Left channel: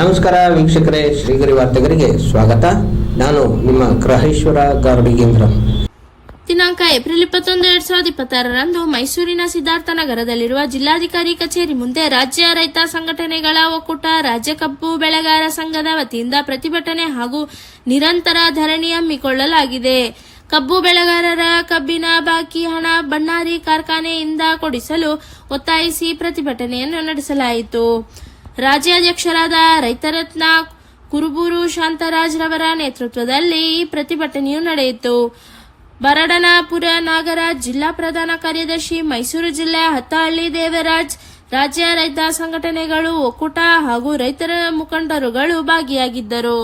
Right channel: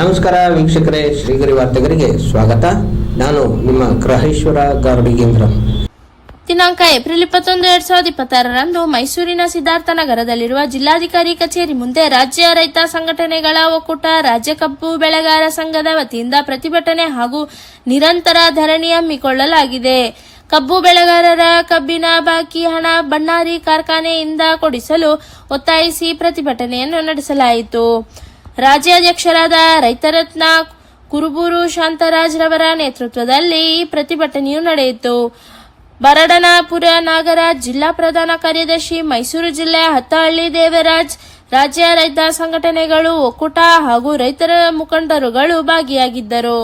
ನಮಸ್ಕಾರ ವೀಕ್ಷಕರೇ, ಶ್ರೀಗರಿ ವಾರ್ತೆಗರಿಗೆ ಸ್ವಾಗತ. ನಾನು ನಿಮ್ಮ ಗ್ರಹೇಶ್ವರ ಗಾರ್ಡಿಗೇಂದ್ರ. ದಿನಾಂಕ ಏಪ್ರಿಲ್ 21, 2026ರಂದು ಮೈಸೂರಿನ ಸಿದ್ಧಾರ್ಥ ನಗರದಲ್ಲಿರುವ ಜಿಲ್ಲಾಧಿಕಾರಿ ಕಚೇರಿ ಮುಂದೆ ರಾಜ್ಯ ರೈತ ಸಂಘಟನೆಗಳ ಒಕ್ಕೂಟ ರಾಜ್ಯ ಕಬ್ಬು ಬೆಳೆಗಾರ ಸಂಘದ ವತಿಯಿಂದ ಪ್ರತಿಭಟನೆ ಹಾಗೂ ನಿರಂತರ ಧರಣಿ ಹಮ್ಮಿಕೊಳ್ಳಲಾಗಿದೆ. ಕಬ್ಬು ಬೆಳೆಗಾರರ ಕಬ್ಬಿನ ಬಾಕಿ ಹಣ ಬಣ್ಣಾರಿ ಕಾರ್ಖಾನೆಯಿಂದ ಕೊಡಿಸಲು ಒತ್ತಾಯಿಸಿ ಪ್ರತಿಭಟನೆಯನ್ನು ನಡೆಸಲಾಯಿತು. ರಾಜ್ಯಾಧ್ಯಕ್ಷರಾದ ರೈತರತ್ನ ಕುರುಬೂರು ಶಾಂತರಾಜ್ ರವರ ನೇತೃತ್ವದಲ್ಲಿ ಈ ಪ್ರತಿಭಟನೆಯು ನಡೆಯಿತು. ಬರಡನಪುರ ನಾಗರಾಜ್, ಜಿಲ್ಲಾ ಪ್ರಧಾನ ಕಾರ್ಯದರ್ಶಿ, ಮೈಸೂರು ಜಿಲ್ಲೆ ಹತ್ತಹಳ್ಳಿ ದೇವರಾಜ್, ರಾಜ್ಯ ರೈತ ಸಂಘಟನೆಗಳು, ಒಕ್ಕೂಟ ಹಾಗೂ ರೈತರ ಮುಖಂಡರುಗಳು ಭಾಗಿಯಾಗಿದ್ದರು.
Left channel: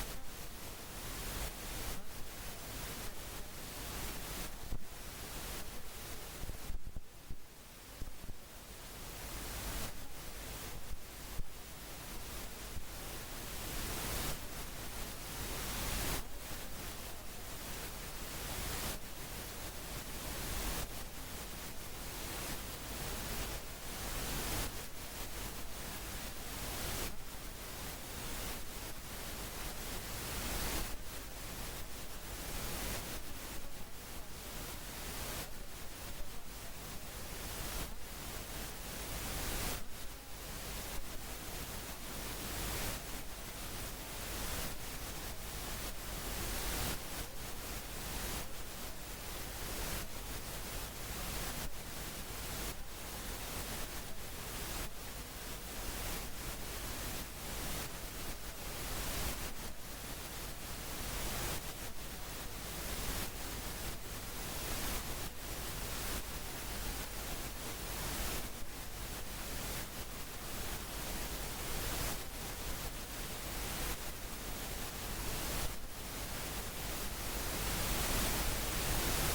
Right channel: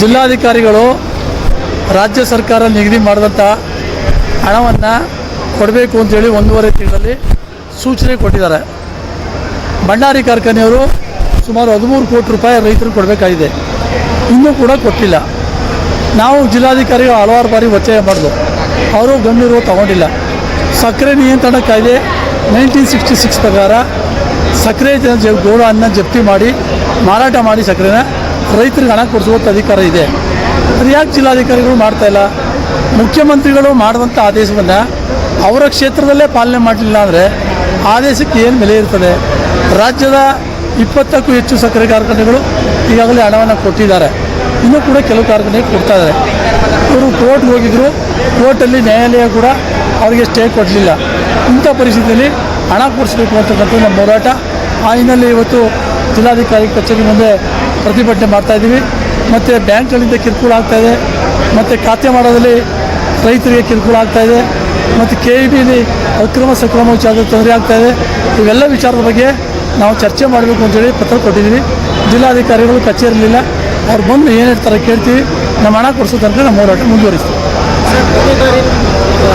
ಜಿಲ್ಲಾಧಿಕಾರಿಗಳು ರಾಜ್ಯ ಸರ್ಕಾರ ನಿಗದಿ ಮಾಡಿದಂಥ ಹಣವನ್ನು ಕೊಡಬೇಕು ಅಂತೇಳಿ 1.5 ತಿಂಗಳಲ್ಲಿ ಸೂಚನೆ ಕೊಟ್ಟಿದ್ದಾರೆ. ಭಂಡಾರಿ ಕಾರ್ಖಾನೆಯವರು ಸುಮಾರು 13 ಕೋಟಿ ರೂಪಾಯಿ ರೈತರು ಕೊಡಬೇಕಾಗಿದೆ, ಇನ್ನೂ ಕೂಡ ಕೊಟ್ಟಿಲ್ಲ. ನಾವು ಜಿಲ್ಲಾಧಿಕಾರಿಗಳು ಹಲವಾರು ಬಾರಿ ಒತ್ತಾಯ ಮಾಡಿದ್ವು, ಅವರು ಗಂಭೀರವಾಗಿ ತಗೊಂಡಿಲ್ಲ. ಸಕ್ಕರೆ ನಿಯಂತ್ರಣ ಕಾಯ್ದೆ 1966 ಪ್ರಕಾರ ಸಕ್ಕರೆ ಗೋಡನ್ನು ಜಪ್ತಿ ಮಾಡಿ ಮಾರಾಟ ಮಾಡಿ ಸಕ್ಕರೆನ ರೈತರಿಗೆ ಹಣ ಕೊಡಿಸುವಂಥ ಅಧಿಕಾರ ಇದೆ. ಅದು ಯಾಕೆ ಜಿಲ್ಲಾಧಿಕಾರಿಗಳು ಮಾಡ್ತಾಯಿಲ್ಲ? ಮುಖ್ಯಮಂತ್ರಿಗಳು ಮಾಡಿದಂಥ ಆದೇಶವನ್ನು ಅವರ ಕ್ಷೇತ್ರದಲ್ಲೇ ಪಾಲನೆ ಮಾಡಲಿಲ್ಲ ಅಂದರೆ ಆದೇಶಕ್ಕೆ ಏನು ಬೆಲೆ ಇರ್ತದೆ? ರಾಜ್ಯದ 20ಕ್ಕೂ ಹೆಚ್ಚು ಸಕ್ಕರೆ ಕಾರ್ಖಾನೆಗಳು ಈಗಾಗಲೇ ಹಣವನ್ನು ಕೊಟ್ಟಿದ್ದಾರೆ, ಇನ್ನೂ ಕೂಡ ಕೆಲವು ಕಾರ್ಖಾನೆಗೆ ಕೊಡ್ತಾ ಇದ್ದಾರೆ. ಇವರು ಕೋರ್ಟ್ಗೆ ಹೋಗಿದ್ದರು, ಕೋರ್ಟಲ್ಲಿ ನ್ಯಾಯಾಲಯ ಕೂಡ ಅವರಿಗೆ ಸ್ಟೇ ಕೊಡಲಿಲ್ಲ. ಇಂಥ ಪರಿಸ್ಥಿತಿಯಲ್ಲಿ ಹಣ ಕೊಡಿಸ್ಬೇಕು ಅಂತಕ್ಕಂಥ ನಮ್ಮ ಹೋರಾಟ. ಆ ಹಿನ್ನೆಲೆ ಇವತ್ತು ಜಿಲ್ಲಾಧಿಕಾರಿ ಕಚೇರಿ ಮುಂದೆ ಪ್ರತಿಭಟನೆ ಮಾಡ್ತಾಯಿದ್ದೀವಿ. ಮತ್ತು ಬ್ಯಾಂಕ್ಗಳಿಂದ ಕಿರುಕುಳ ಆಗ್ತಾಯಿದೆ, ಮತ್ತು ಖಾತೆ ಮಾಡೋದಲ್ಲಿ ರೈತರಿಗೆ ಕಿರುಕುಳ ಆಗ್ತಾಯಿದೆ, ಮತ್ತು KEBಲಿ ಅಕ್ರಮ ಸಕ್ರಮ ವಿಚಾರದ ತೊಂದರೆ ಆಗ್ತಾಯಿದೆ. ಇವೆಲ್ಲ ವಿಚಾರದ ಬಗ್ಗೆ ನಾವು ಚರ್ಚೆ ಮಾಡಬೇಕು ಅಂತೇಳಿ ಪತ್ರ ಕೊಟ್ಟಿದ್ದೀವಿ. ಜಿಲ್ಲಾಧಿಕಾರಿಗಳು ಕಚೇರಿಲಿಲ್ಲ, ಅವ್ರು ಬಂದು ಏನು ಹೇಳ್ತಾರೆ ಕೇಳ್ತೀವಿ. ನಮ್ಮ ಹಣ ಕೊಡಿಸೋ ತನಕ ನಮ್ಮ ಹೋರಾಟ ಮುಂದುವರಿಸ್ತೀವಿ.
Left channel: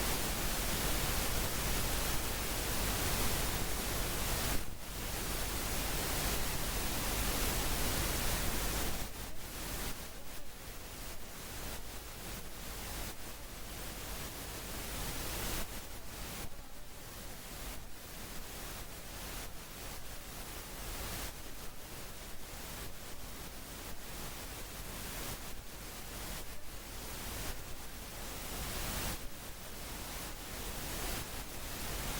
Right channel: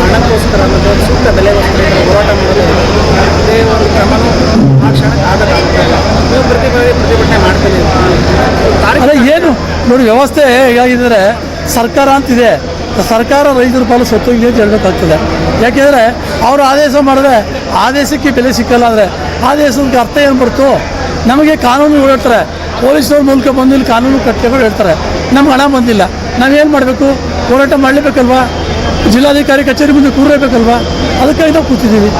ಹಣಕ್ಕೋಸ್ಕರ ಸೂಕ್ತ ಬೆಲೆಗೋಸ್ಕರ ಹೋರಾಟ ಮಾಡೋದು ಅದೇ ಒಂದು ಕ್ರಮನೂ ಆ ಕ್ಷಣಕ್ಕೆ ಆಗಲ್ಲ. ನೀವು ಪ್ರತಿಭಟನೆ ಮಾಡ್ತೀನಿ ಅಲ್ಲ, ಏನು ನೋಡಿ, ವ್ಯವಸ್ಥೆ ಹೇಗಾಗಿದ್ದರೆ ಸರ್ಕಾರ ಅಂತಿದೆ, ಸರ್ಕಾರ ರೈತರ ಪಾಲು ಸತ್ತೋಗಿದೆ ಅಂತ ಹೇಳಬೇಕಾಗ್ತದೆ. ಯಾಕೆಂದರೆ ಅವರು ಆದೇಶ ಮಾಡಿದ್ರೆ ಆದೇಶಕ್ಕೆ ಬೆಲೆ ಸಿಕ್ಕಲ್ಲ. ಅಂದರೆ ಆದೇಶಕ್ಕೆ ಅರ್ಥ ಏನು ಬರ್ತು? ನಮಗೆ ಕಾನೂನು ಹೇಳ್ತಾರೆ, ಪೊಲೀಸವ್ರ ಮೂಲಕ ಬಂದು ಇಲ್ಲಿ ಕಾನೂನು ಕಟ್ಕೊಂಡು ಹೇಳ್ತಾರೆ, ನಮ್ಗೆ ಹಣ ಬಂದಿಲ್ಲ, ನಾವೇನು ಮಾಡಬೇಕು? ಹೋರಾಟ ಮಾಡಲೇಬೇಕಲ್ವಾ? ಜಿಲ್ಲಾಧಿಕಾರಿ ಕಚೇರಿ ಮುಂದೆ ಕೂರಲೇಬೇಕಲ್ವಾ? ಅದಕ್ಕಾಗಿ ನಾವು ಕೂತಿದ್ದೀವಿ.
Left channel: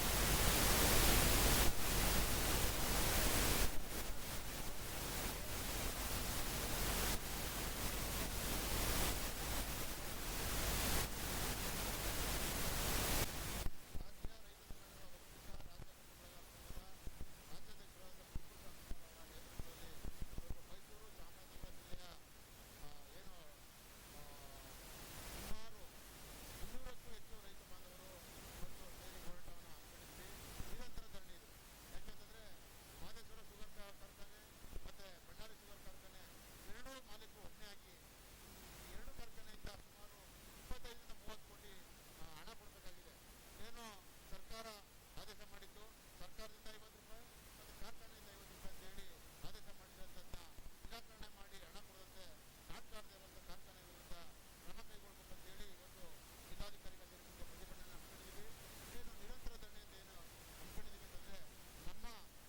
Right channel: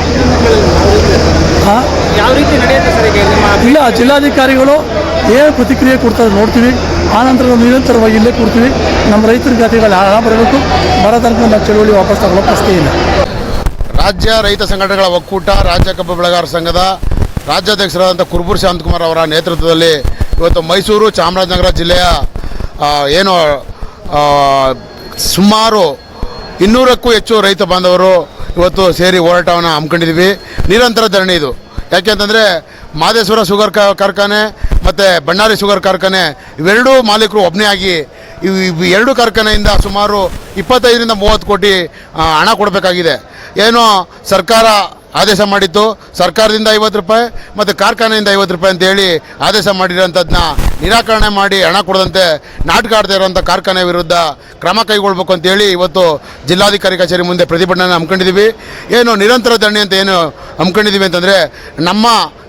ಯಾವ ರೀತಿ ನಡೆಯುತ್ತೆ ಸರ್ ಈಗ? ಇಲ್ಲ, ಜಿಲ್ಲಾಧಿಕಾರಿಗಳು ಏನು ಪ್ರತಿಕ್ರಿಯೆ ಕೊಡ್ತಾರೆ ನೋಡ್ತೀವಿ. ಆನಂತರ ನಾವು ನಿರಂತರವಾಗಿ ಇಲ್ಲೇ ಕೊಡ್ತೀವಿ. ನಮ್ಮ ರೈತರ ಖಾತೆಗಳು ಹಣ ಬರಬೇಕು, ಬರೋ ತನಕ ನಾವು ಚಳುವಳಿ ವಾಪಸ್ ತಗೊಳ್ಳೋ ಪ್ರಶ್ನೆ ಇಲ್ಲ. ರಾಜ್ಯ ರೈತ ಸಂಘಟನೆಗಳ ಒಕ್ಕೂಟ ರಾಜ್ಯ ಕಬ್ಬು ಬೆಳೆಗಾರ ಸಂಘದ ರಾಜ್ಯಾಧ್ಯಕ್ಷರಾದಂಥ ಕುರುಬೂರು ಶಾಂತಕುಮಾರ್ ಅವರ ನೇತೃತ್ವದಲ್ಲಿ ಇವತ್ತು ಮೈಸೂರು ಚಾಮರಾಜನಗರ ಜಿಲ್ಲೆಯ ಸುಮಾರು 200ಕ್ಕೂ ಹೆಚ್ಚು ರೈತ ಬಾಂಧವರು ಇವತ್ತು ಸೇರಿ ಹೋರಾಟವನ್ನು ಹಮ್ಮಿಕೊಂಡಿದ್ದೀವಿ. ನಿರಂತರ ಧರಣಿ ಇದು. ಯಾಕೆಂತಂದರೆ ಮಾದೇಶ್ವರ ಶುಗರ್ ಕಾರ್ಖಾನೆ ಮತ್ತು ಬಣ್ಣಾರಿ ಶುಗರ್ ಕಾರ್ಖಾನೆ ಇವೆರಡೂ ಮಾಲೀಕರು ಒಬ್ಬನೇ ಆಗಿ ಎರಡು ಕಾರ್ಖಾನೆಯಿಂದ ಸುಮಾರು 25ರಿಂದ 30 ಕೋಟಿ ಹಣ ಕೊಡಬೇಕಾಗಿದೆ. ಏನೋ ಸರ್ಕಾರ ಆದೇಶ ಮಾಡಿತ್ತು, ಸರ್ಕಾರದಿಂದ 50 ರೂಪಾಯಿ ಮತ್ತು ಕಾರ್ಖಾನೆಯಿಂದ 50 ರೂಪಾಯಿ ಅಂತೇಳಿ ಆದೇಶ ಮಾಡಿರೋಂಥದ್ದನ್ನ ನಿರಾಕರಣೆ ಮಾಡಿ ಹಣ ಕೊಡದಂತೆ ನಾಟಕ ಆಡ್ತಾ ಇರೋಂಥ ಕಾರ್ಖಾನೆ ವಿರುದ್ಧ ಕ್ರಮ ಕೈಗೊಳ್ಳಬೇಕು ಅಂತೇಳಿ ಇವತ್ತು ಜಿಲ್ಲಾಧಿಕಾರಿ ಕಚೇರಿ ಮುಂದೆ ಪ್ರತಿಭಟನೆ ಹಮ್ಮಿಕೊಂಡಿದ್ದೀವಿ. ಏನು ನಿರಂತರ ಧರಣಿ ಅಂತ ಏನು ಹಮ್ಮಿಕೊಂಡಿದ್ದೀವಿ ಅಂತಂದರೆ, ನಮ್ಮ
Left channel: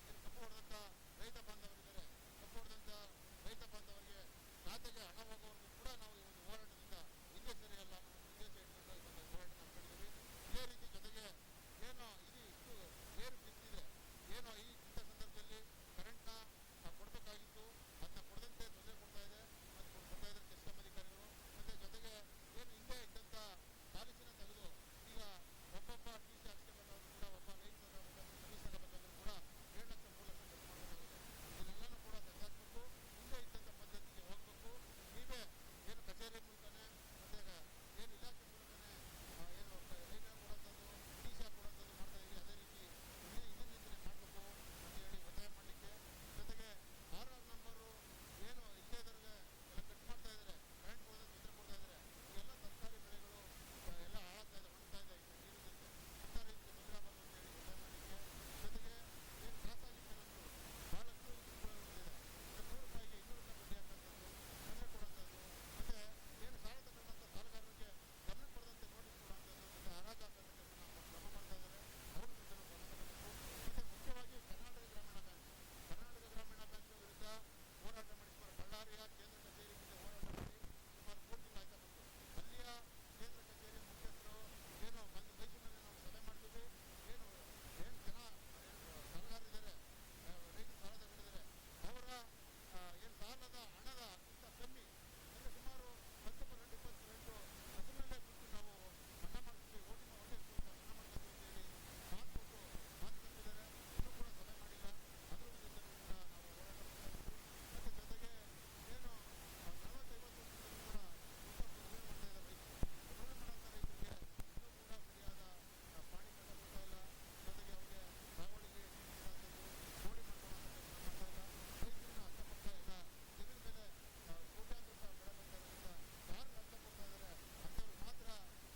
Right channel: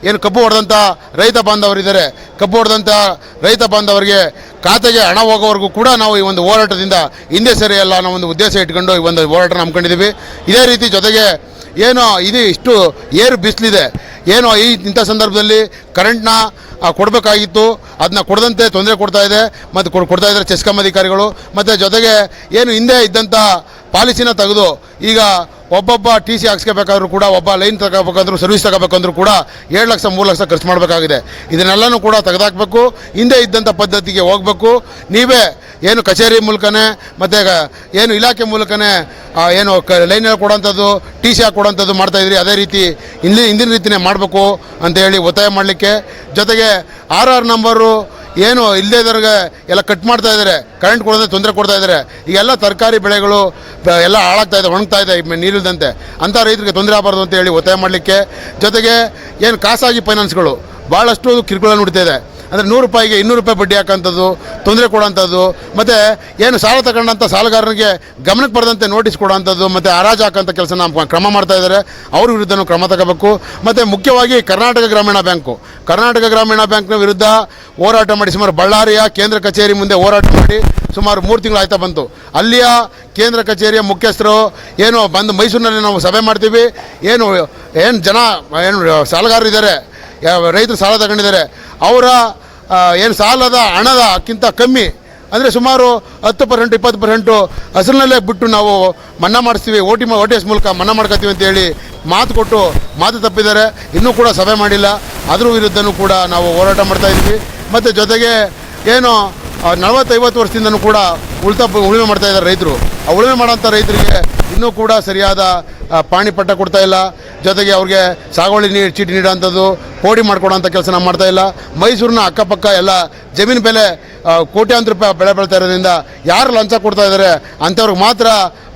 ಏನು ಕಬ್ಬು ಹೊಡೆದಂಥ ರೈತ ಬಾಂಧವರಿದ್ದಾರೆ, ಕಬ್ಬು ಹೊಡೆದಂಥ ರೈತ ಬಾಂಧವರಿಗೆ ಖಾತೆಗೆ ಹಣ ಹೋಗೋವರೆಗೂ ಕೂಡ ನಾವು ಈ ಒಂದು ಹೋರಾಟದಿಂದ ಹಿಂದೆ ಸರಿಯಲ್ಲ ಅನ್ನೋ ಒಂದು ಉದ್ದೇಶ ಇಟ್ಕೊಂಡು ಈ ಒಂದು ಹೋರಾಟನ ಹಮ್ಮಿಕೊಂಡಿದ್ದೀವಿ. ಇದೇ ರೀತಿ ಜೊತೆಗೆ ಏನೋ ಇದು ಇಷ್ಟು ಏರು ಬಿಸಿಲಿದೆ, ಏನೋ ಇಂಥ ಸಂದರ್ಭದಲ್ಲಿ ಕರೆಂಟ್ನ ಕೊಡಬೇಕಾಗಿತ್ತು, ಅದನ್ನ ಕೊಡದಂತೆ ತೊಂದರೆ ಕೊಡ್ತಾ ಇದೆ ಮತ್ತು ಕೊಡ್ತಾ ಇದ್ದಾರೆ ಚೆಸ್ಕಾಂ ಅಧಿಕಾರಿಗಳು. ಮತ್ತು ಜೊತೆಗೆ ಏನು ಹಿಂದೆ ಇದ್ದಂಥ ಪಾಲಿಸಿನ ತೆಗೆದು ಈಗ ಒಬ್ಬೊಬ್ಬ ಟಿ ಸಿ ಹಾಕ್ಸ್ಕೋಬೇಕಾದ್ರೂ ಕೂಡ, ಒಬ್ಬ ಲೈನ್ ತಗೋಬೇಕಂದ್ರೂ, ಸರ್ವಿಸ್ ತಗೋಬೇಕಂದ್ರೂ ಕೂಡ 7 ಲಕ್ಷ 3 ಲಕ್ಷ ಖರ್ಚು ಮಾಡಬೇಕಾಗಿದೆ. ಇದನ್ನೆಲ್ಲನೂ ಕೂಡ ತೆಗೆದಾಕಬೇಕು, ಹಿಂದೆ ಇದ್ದಂಥ ಪದ್ಧತಿಗೆ ಹೋಗಬೇಕು. ನೀವೇ ಏನು ಕಚೇರಿ ಮೂಲಕನೇ ಮತ್ತು ಏನು ಇಲಾಖೆ ಮೂಲಕನೇ ಏನು ಲೈನಲ್ಲಿ ಕೊಡೋಂಥದ್ದು, ಟಿ ಸಿ ಹಾಕಿ ಕೊಡೋಂಥದ್ದು ಮಾಡ್ತಾಯಿದ್ರಿ, ಅದೇ ರೀತಿ ಹಿಂದಿನ ರೀತಿಯೇ ಮಾಡಬೇಕು ಅಂತೇಳಿ ಒತ್ತಾಯ ಮಾಡಲಿಕ್ಕೆ. ಜೊತೆಗೆ RR ನಂಬರು ಏನು ಇಲ್ಲದೇ ಇದ್ದವ್ರಿಗೆ ಎಲ್ಲ ಕಟ್ ಮಾಡ್ತಾ ಇದ್ದಾರೆ, ಕರೆಂಟ್ ಕೊಡೋದೇ ತೊಂದರೆ ಕೊಡ್ತಾ ಇದ್ದಾರೆ. ಈಗೆಲ್ಲ ತರಕಾರಿ ಬೆಳೆಗಳು ಎಲ್ಲ ಹಾಳಾಗ್ತಾ ಇದೆ, ಒಣಗ್ತಾ ಇದೆ ನೀರಿಲ್ದಂತೆ. ಅಂಥ ರೈತರಿಗೆ ತೊಂದರೆ ಆಗಬಾರ್ದು ಅಂತ ಹೇಳಿ ಒತ್ತಾಯ ಮಾಡಲಿಕ್ಕೆ. ಜೊತೆಗೆ ಏನು ಖಾಸಗಿ ಫೈನಾನ್ಸ್ಗಳು ಭಾಳಷ್ಟು ಕಿರುಕುಳ ನುಡಿತಾ ಇದೆ. ಅಂದರೆ 100 ರೂಪಾಯಿಗೆ 200 ರೂಪಾಯಿ ಬಡ್ಡಿ ಹಾಕೋಂಥದ್ದು, ತೊಂದರೆ ಕೊಡೋಂಥದ್ದು, ಮತ್ತು ಏನು ಸಾಲ ತಗೊಂಡಂಥ ಸಾಲಗಾರನಿಗೆ ಗಮನಕ್ಕೆ ಬರದಂತೆ ನೋಟಿಸ್ ಕೊಡೋಂಥದ್ದು, ಮತ್ತು ಹರಾಜು ಹಾಕೋಂಥ ಕೆಲಸ ಕ್ರಮ ಮಾಡ್ತಾ ಇದ್ದಾರೆ. ಅವ್ರ ವಿರುದ್ಧನೂ ಕ್ರಮ ತಗೋಬೇಕು. ಮತ್ತು ಮುಖ್ಯವಾಗಿ ಕರ್ನಾಟಕ ಗ್ರಾಮೀಣ ಬ್ಯಾಂಕ್ನ ವಿರುದ್ಧ ಹೋರಾಟ ಮಾಡಿ ಸುಮಾರು ಬಳ್ಳಾರಿಯ ಕೇಂದ್ರ ಕಚೇರಿ ಮುಂದೆ ಹೋರಾಟ ಮಾಡಿ ಸುಮಾರು 3 ತಿಂಗಳು ಆಯ್ತಾ ಬಂತು. ಅಲ್ಲಿಯ ಕೇಂದ್ರ ಕಚೇರಿಯ ಮುಖ್ಯಸ್ಥರು ಏನು ಬಂದು ಮೈಸೂರಿನಲ್ಲಿ ನಾವು ಸಭೆ ಮಾಡ್ತೀವಿ, ಏನು ಸಾಲಗಾರರು ಇದ್ದಾರೆ, ರೈತರು ಸಾಲ ತಗೊಂಡಿದ್ದಾರೆ, ಅವರ ಏನು ಸಾಲದ ಹಣಕ್ಕಿಂತ ಕಮ್ಮಿ ಅಂದರೆ ಸುಮಾರು 10% 20% ಅಸಲಿನಲ್ಲೇ ಬಿಟ್ಟು ನಾವು ಮನ್ನಾ ಮಾಡಿಸ್ತೀವಿ, OTS ಮೂಲಕ ಮನ್ನಾ ಮಾಡ್ಕೊತೀವಿ ಅಂತೇಳಿ ಮಾತು ತಪ್ಪಿದ್ದಾರೆ. ಇನ್ನೂ ಕೂಡ ಸಭೆ ಮಾಡಿಲ್ಲ. ಅದ್ರ ವಿರುದ್ಧನೂ ಕೂಡ ನಾವು ಹೋರಾಟ ಮಾಡ್ತಾಯಿದ್ವಿ. ಮತ್ತು ಜೊತೆಗೆ ಏನು 40-50 ವರ್ಷದಿಂದನೂ ಕೂಡ ಉಳುಮೆ ಮಾಡ್ತಾ ಇದ್ದಾರೆ ರೈತರು. ಆ ಉಳುಮೆ ಮಾಡೋಂಥ ರೈತರಿಗೆ ಇನ್ನೂ ಕೂಡ ಸರಿಯಾದ ಪಾಣಿಪಟ್ಟ ಕೊಡ್ತಾ ಇಲ್ಲ. ಜೊತೆಗೆ ಅವ್ರಿಗೆ ಸಾಗುವಳಿ ಚೀಟಿ ನೀಡೋಂಥದ್ದು, ಪೋಡಿ ಮಾಡ್ಕೊಡೋಂಥ ಕೆಲಸ ನಾವು ಮಾಡ್ತಾ ಇಲ್ಲ. ಮೈಸೂರಿನ ಅಕ್ಕಪಕ್ಕ ಎಲ್ಲ ಜಮೀನು ಬೆಲೆ ಕೋಟ್ಯಾಂತರ ರೂಪಾಯಿ ಬೆಳೆ ಬೆಳೀತಾ ಇರೋದ್ರಿಂದ ಯಾರು ಲಂಚ ಕೊಡ್ತಾ ಇದ್ದಾರೆ ಅಂಥವ್ರಿಗೆ ಮಾತ್ರ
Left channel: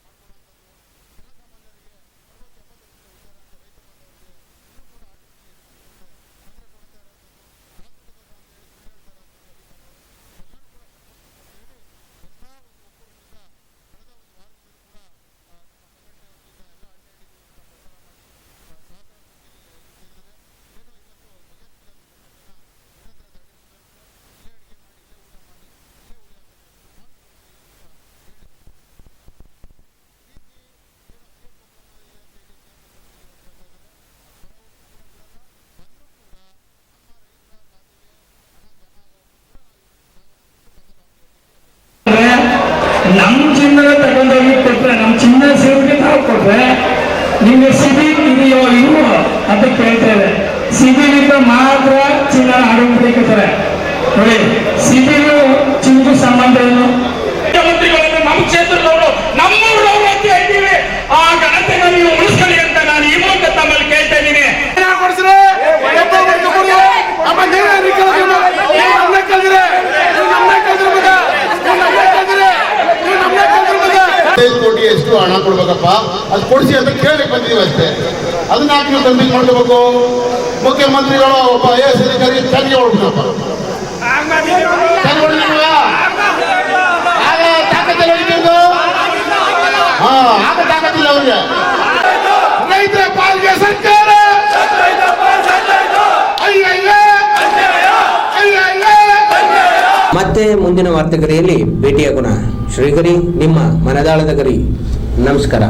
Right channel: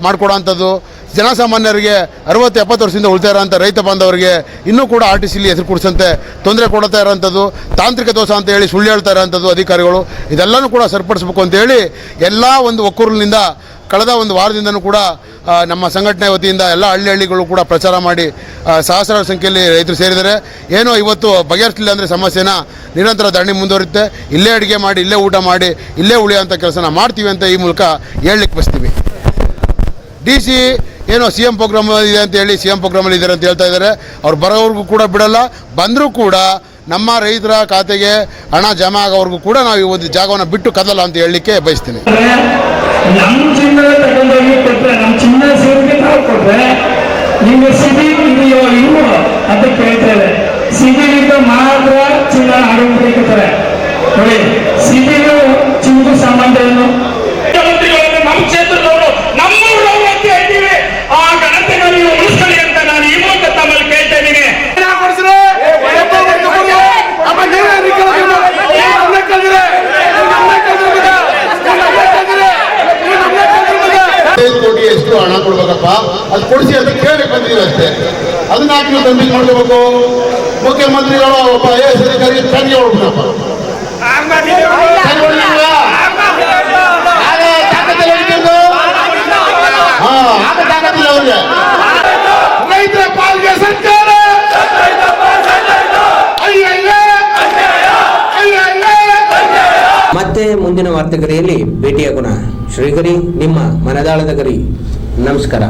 ಮಾಡಿಕೊಡೋಂಥದ್ದು. ಜನಸಾಮಾನ್ಯರಿಗೆ 60-70 ವರ್ಷದಿಂದ ಉಳ್ತಾ ಇರೋಂಥ ರೈತ ಬಾಂಧವರಿಗೆ ಇನ್ನೂ ಕೂಡ RTCಲಿ ಹೆಸರು ಕುಡಿಸಂತೆ ತೊಂದರೆ ಕೊಡ್ತಾ ಇರೋಂಥದ್ದು, ತಾಂತ್ರಿಕ ದೋಷ ಅಂತ ಹೇಳಿ ಸುಳ್ಳು ಹೇಳ್ತಾ ಇರೋಂಥದ್ದು ಅಧಿಕಾರಿಗಳು. ಇದೆಲ್ಲನೂ ಕೂಡ ಸರಿಪಡಿಸಬೇಕು ಅಂತೇಳಿ ಎಲ್ಲ ಒಂದು ಒಕ್ಕೂರಿನಿಂದ ಕಳೆದ ಒಂದು ವಾರದಿಂದನೂ ಕೂಡ ನಮ್ಮ ಸಂಘಟನೆ ವತಿಯಿಂದ ಎಲ್ಲ ಹಳ್ಳಿಗಳು ಕೂಡ ಪ್ರಚಾರ ಮಾಡಿ ಸಹಸ್ರಾರು ಸಂಖ್ಯೆಯಲ್ಲಿ ರೈತರು ಸೇರಿದ್ದಾರೆ. ಏನೋ ಇವತ್ತು ಬಗೆಹರಿಸಲಿಲ್ಲ ಅಂದರೆ ಸಮಸ್ಯೆನ ನಿರಂತರ ಧರಣಿ ಮುಂದುವರಿಯುತ್ತೆ. ಇಲ್ಲೇ ಅಡುಗೆ ಮಾಡಿ, ಇಲ್ಲೇ ಊಟ ಮಾಡಿ, ಇಲ್ಲೇ ಉಳಿಯೋಂಥ ಕೆಲಸನ ಮಾಡ್ತೀವಿ ಅಂತ ಈ ಮೂಲಕ ಹೇಳಲಿಕ್ಕೆ ಬಯಸ್ತೀವಿ. DC ಏನೋ CM ಪ್ರೋಗ್ರಾಮ್ ಇದೆ ಅಂತ ಹೇಳಿ CM ಪ್ರೋಗ್ರಾಮಲ್ಲಿ ಇದ್ದಾರೆ ಅಂತ ಹೇಳ್ತಾ ಇದ್ದಾರೆ. ಅವ್ರು ಬರೋವ್ರಿಗೂ ಕೂಡ ಬಿಡಲ್ಲ, ಬಂದರೂ ಕೂಡ ನಮ್ಮ ರೈತರ ಖಾತೆಗೆ ಹಣ ಜಮಾ ಆಗೋವರೆಗೂ ಕೂಡ ನಾವು ಈ ಒಂದು ಜಾಗವನ್ನು ಬಿಟ್ಟು ಕದಲ್ಲ ಅಂತ ಹೇಳಲಿಕ್ಕೆ ಬಯಸ್ತೀನಿ. ನಮ್ಮ ಚಿನ್ನ ತಗೊಂಡೋಗಿ ಕೊಟ್ಟರೆ, ನಮ್ಮ ಚಿನ್ನ ಸೇರಿಕೆ ನಾವು ಕೊಟ್ಟರೆ ನಿಮಗೆ ಸಿಬಿಲ್ ಇದೆಯೋ ಇಲ್ವೋ ಅಂತ ಕೇಳ್ತೇವೆ. ಸಿಬಿಲಿಂದ ಮಾತ್ರ ಚಿನ್ನ ಆಡಬೇಕಾರೆ ನೋಡಿ. ಸಿಬಿಲ್ ಚಿನ್ನಗೂ ಸಂಬಂಧ ಏನು? ಮುಖ್ಯಮಂತ್ರಿಗಳನ್ನು ನಮ್ಮ ಕ್ಷೇತ್ರದವರು ನಮ್ಮೂರವರು ಅಂತ ಹೇಳ್ತೀವಿ. ಆ ಘನತೆನ ನೀವು ಉಳಿಸ್ಕೊಳ್ಳಿ ಅಂತ ನಾನು ಈ ಮೂಲಕ ತಮ್ಮಲ್ಲಿ ಕೇಳ್ತಾ ಇದ್ದೀನಿ. ಕೋಟಿ ಎಷ್ಟು ಹಣ ಕೊಡ್ಬೇಕಪ್ಪ, ಅದು ಕೊಡಿಸಿ ಅಂತ ಕೇಳಕ್ಕೆ ಬಂದಿದ್ದೀವಿ ಅಷ್ಟೇ. ಅದನ್ನ ಹಾಕಿ ನಾವು ಕಂಪ್ಲೀಟ್ ಮಾಡ್ಕೋಬೇಕು. ಮುಖ್ಯಮಂತ್ರಿಗಳು ಒಬ್ಬ IAS ಅಧಿಕಾರಿ ತನಿಖೆ ಹೊಡ್ಬೇಕಪ್ಪ. ತಾಕತ್ತಿಲ್ಲ ಅವ್ರಿಗೆ. ರೈತರ ಪಾಲ್ಗೆ ಸರ್ಕಾರ ಮತ್ತೆ ಮುಂದಿನ ವಾರ್ತೆಗರಿಯಲ್ಲಿ ಭೇಟಿಯಾಗೋಣ. ಶ್ರೀಗರಿ ನಿಮ್ಮ ಮನದಾಳದ ಗರಿ. ನಮಸ್ಕಾರ.